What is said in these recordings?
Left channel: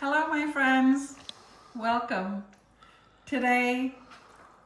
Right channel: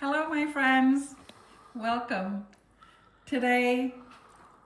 Hello my friends, welcome. Today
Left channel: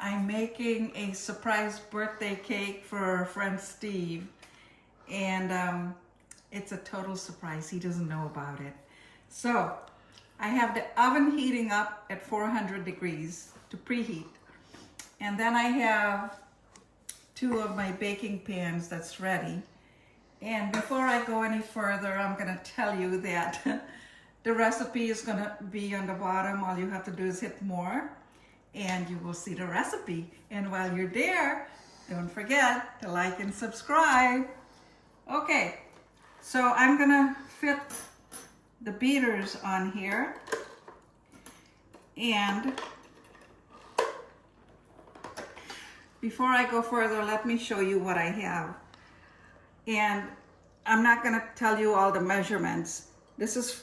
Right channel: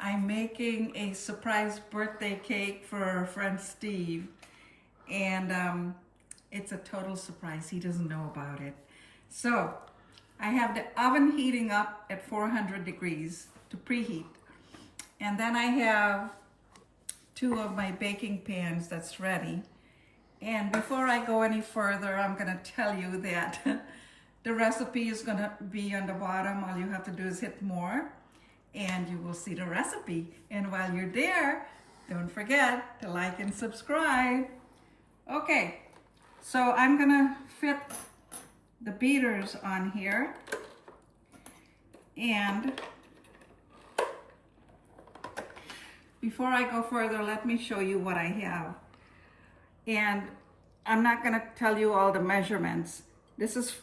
I'm making a surprise birthday cake for our friend Steve, and it's a total surprise. He doesn't know about it. So I have the oven heating up at 400 degrees to preheat, and then I have two of my baking pans that's ready. And before I go any further, I'm gonna tell you that the recipe is gonna be on the bottom. All you have to do is hit more and you will see the recipe. And while you're there, don't forget to like and subscribe. Okay, so I'm gonna fit the beaters on here. And before I go further, let me show you what I have. And I'm not gonna tell you all the measurements. This is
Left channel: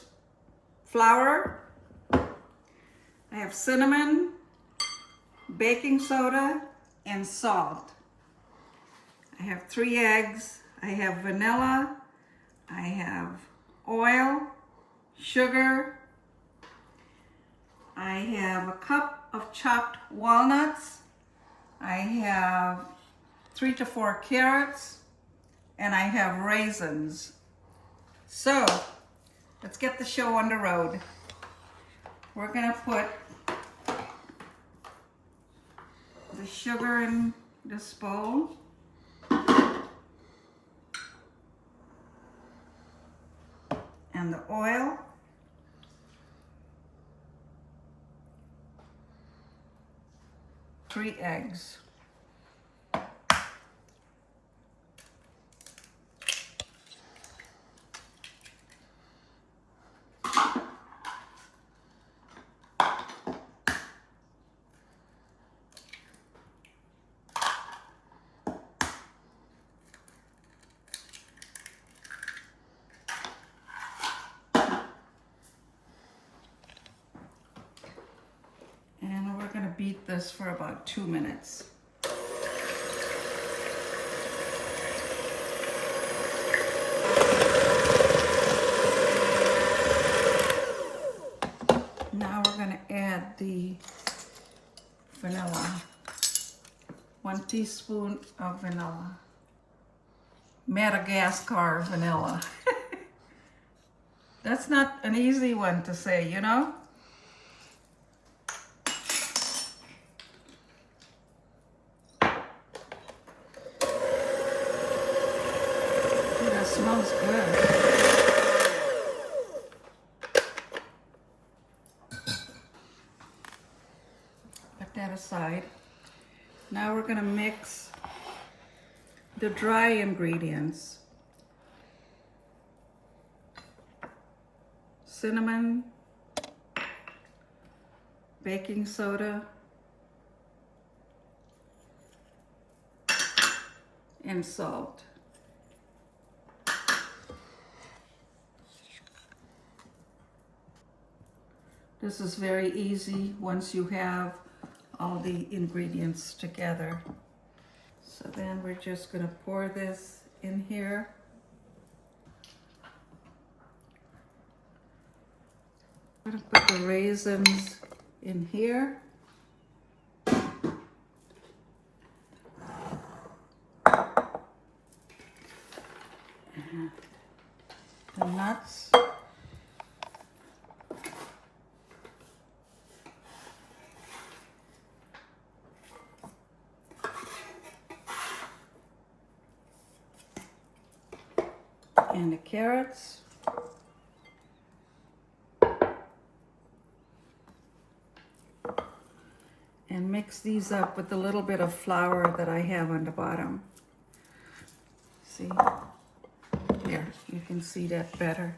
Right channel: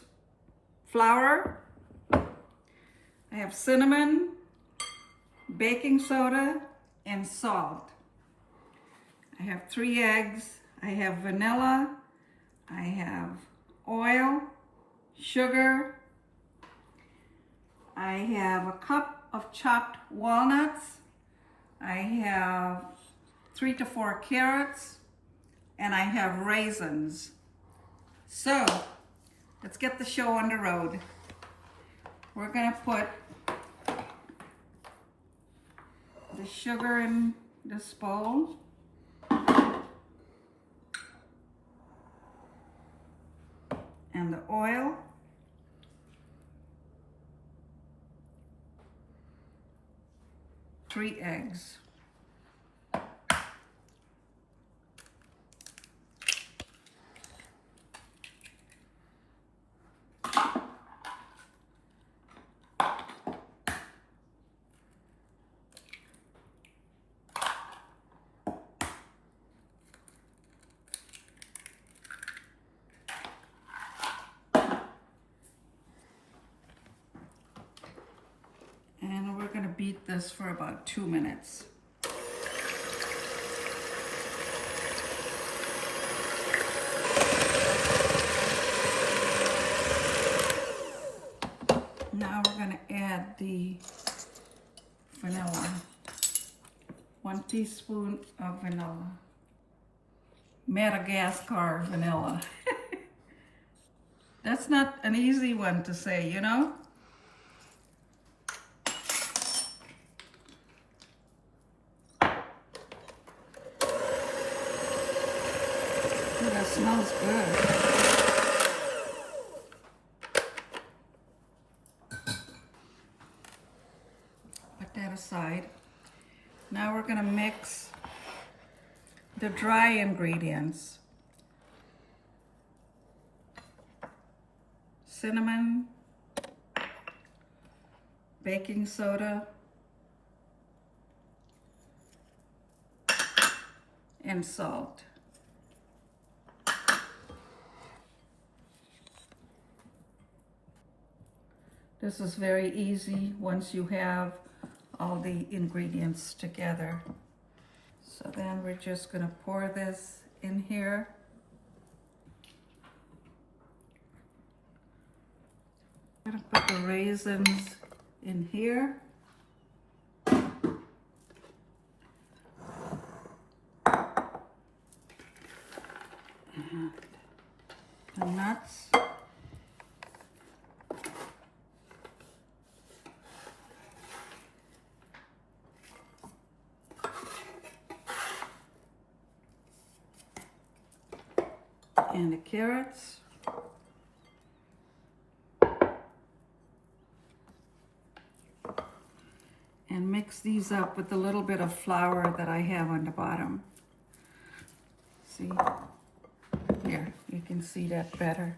flour, I have cinnamon, baking soda, and salt. I have 3 eggs, I have vanilla, I have oil, sugar, I have a cup of chopped walnuts, I have 3 to 4 carrots, and I have raisins. So let's get the show on the road. We're gonna put the sugar in this bowl. And the oil. Three eggs. And we're gonna beat this for about 2 minutes. Now we're gonna add the vanilla. 1 teaspoon of vanilla. Madagascar vanilla. That's not an easy one to say, you know? Ooh, that smells good. Put that aside. Now we're gonna mix the dry ingredients. Cinnamon, baking soda, and salt. This is very easy once you have all the ingredients together. So then we're just gonna pour this in here. I'm gonna put the raisins in here. And the nuts. And the carrots. And mix these up with a little bit of flour that I have on the bottom. See? Here, you can see that better.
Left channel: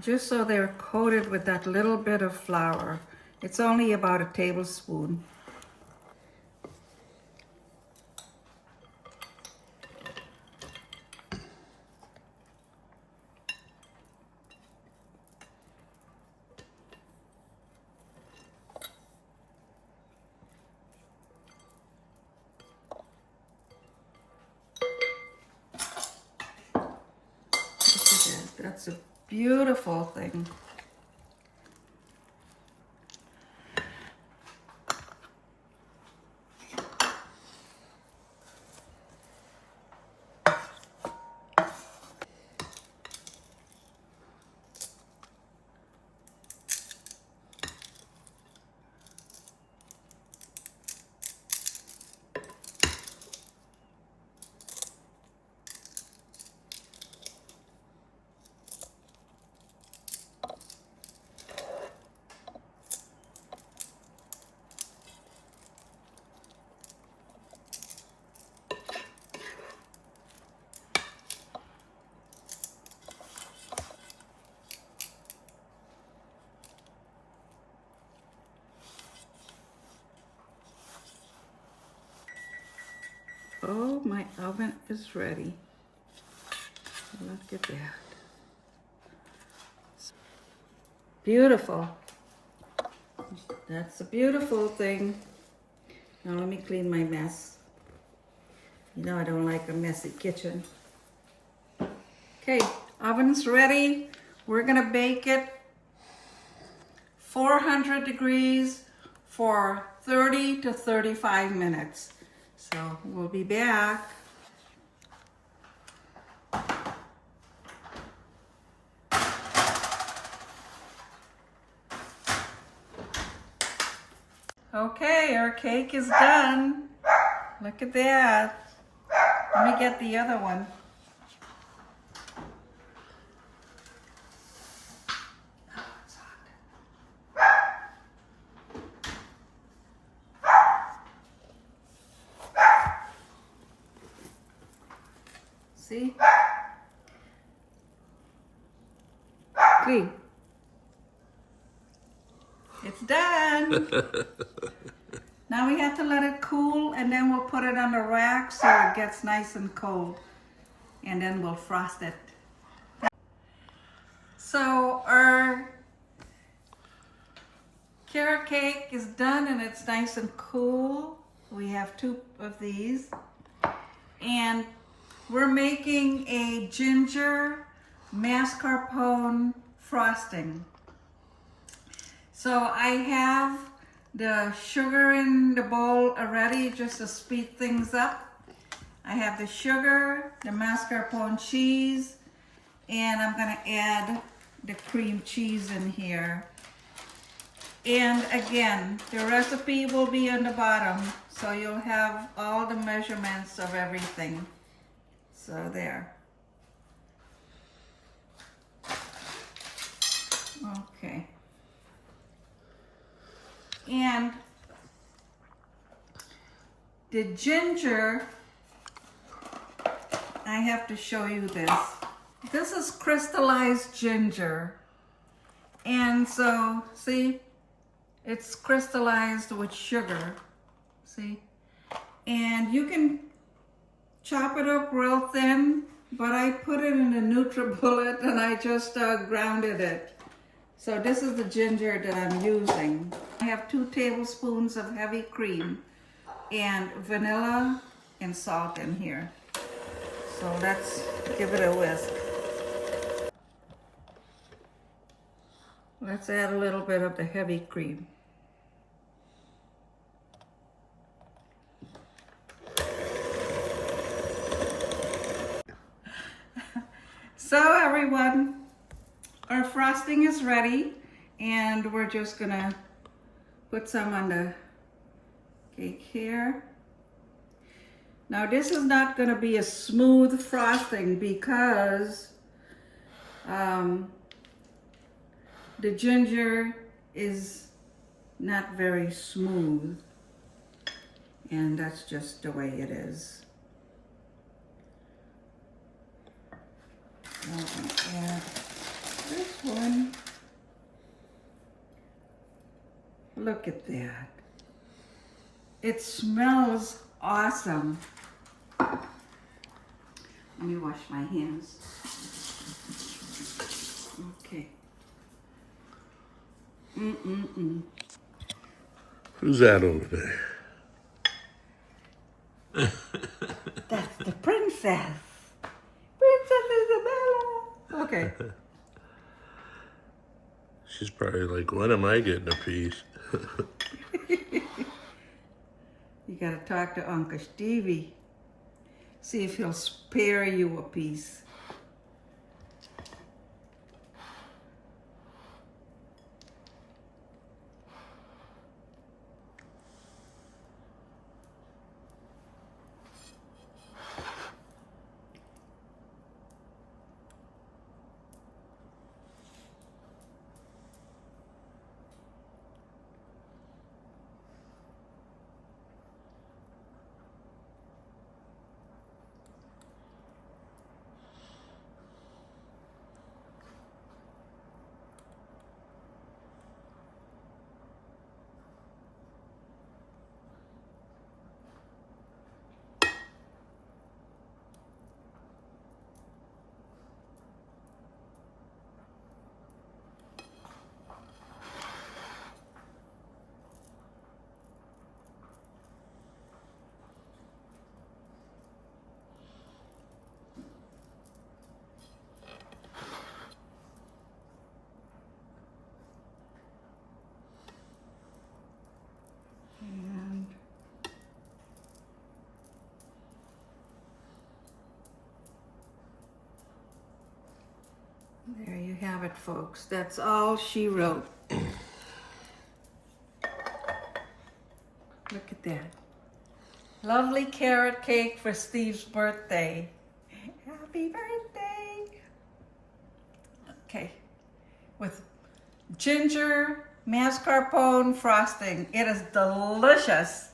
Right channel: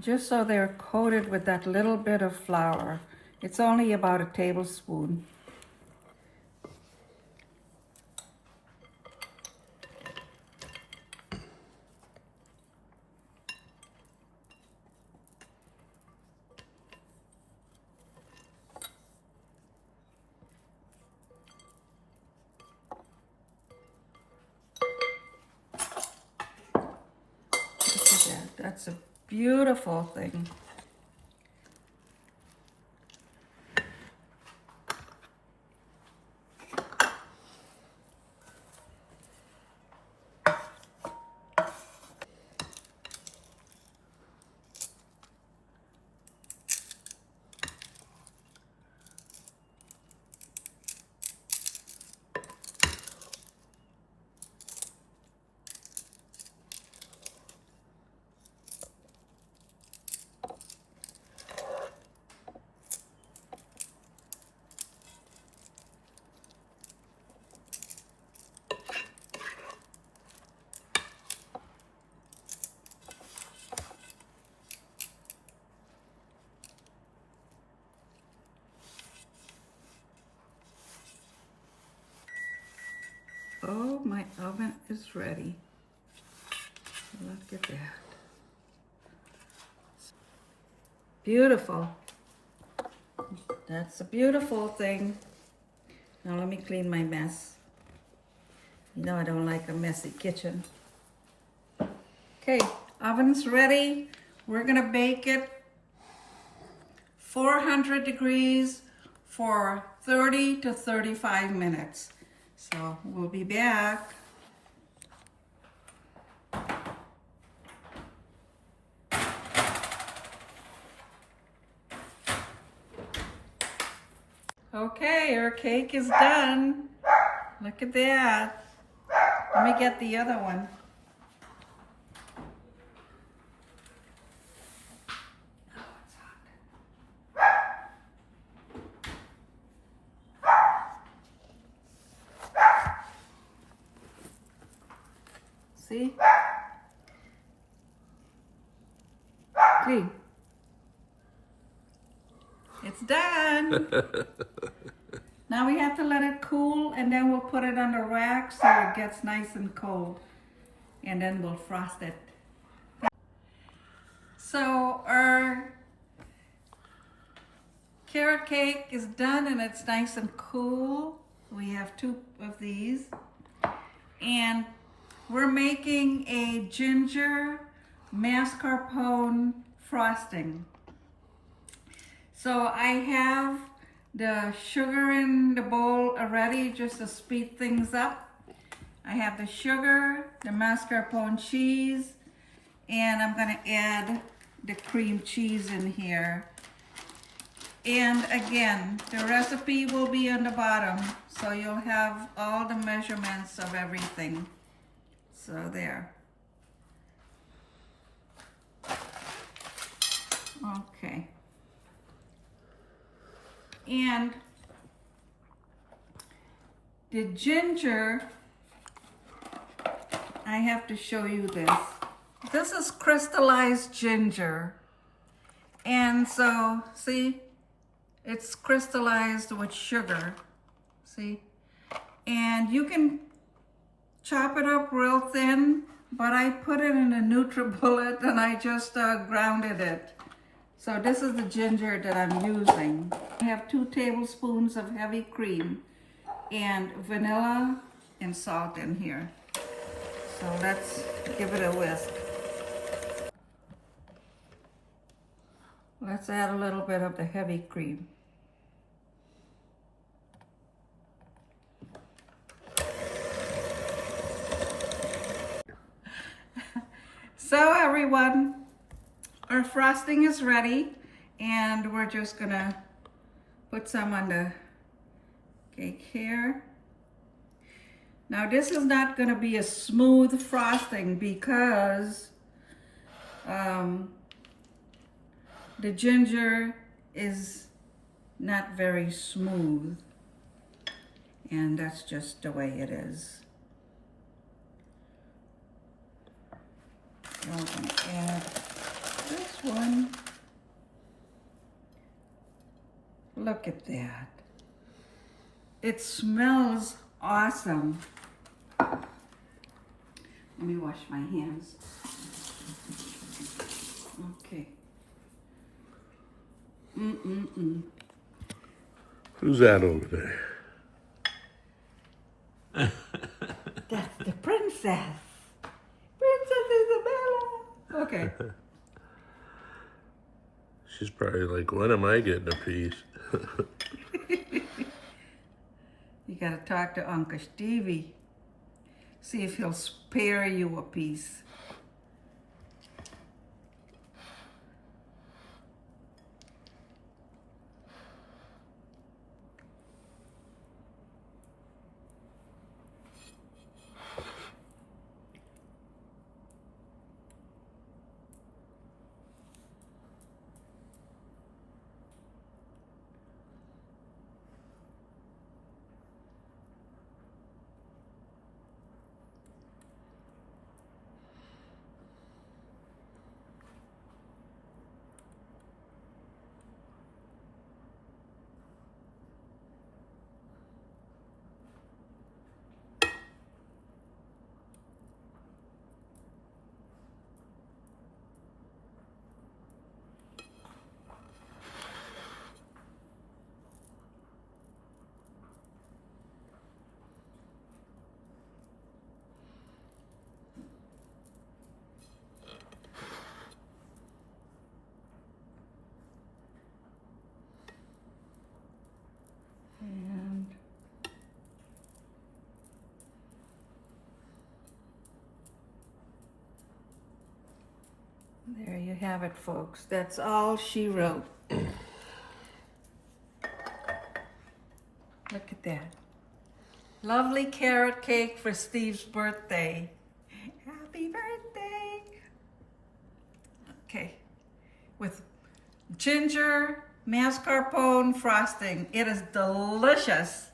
Just so they're coated with that little bit of flour. It's only about a tablespoon. That's a beautiful thing. Oh, my oven is ready. Look at that. Beautiful. That's a beautiful thing. Now let me clean my mess. You know I don't like a messy kitchen. Okay, oven's ready. We're gonna bake it 400 degrees for 30 to 35 minutes. So we'll be back. Okay, our cake is done. Look at that. Let me get the other one. See? Clean. It's done. Now we have to let it cool and then we'll put it on the rack so it gets nice and cold. And then we'll frost it. So our carrot cake is done and it's nice and cool. We have 2 of these. And we're making a ginger mascarpone frosting. So I have the sugar in the bowl already just to speed things up. I have the sugar, the mascarpone cheese, and I'm gonna add the cream cheese in here. And again, the recipe will be on the bottom, so you'll have all the measurements of everything. So there. Okay. And the ginger, I have to show you this. This is crystallized ginger. And so, see, it's crystallized with sugar, see? And you can chop it up real thin, but I put it in a NutriBullet and I just grounded it. So this is the ginger that I'm using. I have 2 tablespoons of heavy cream and vanilla and salt in here. So let's give it a whisk. Let's add a little bit of the heavy cream. So everyone, our frosting is ready and we're just gonna put some on the cake here. Now this is not gonna be a smooth frosting because the ginger is not very smooth, and that's just the way it is. So I'm gonna add this one. Look at that. It smells awesome. Let me wash my hands. Okay. Who's that over there? That's the princess. Princess Isabella. Okay. She's probably like, when am I getting a piece? You gotta talk to Uncle Stevie. See if he'll spare you a piece. And there you have it, folks. That's all she wrote. Look at that. Lovely carrot cake for Steve's birthday. Happy birthday. Okay. With ginger mascarpone frosting. It is delicious.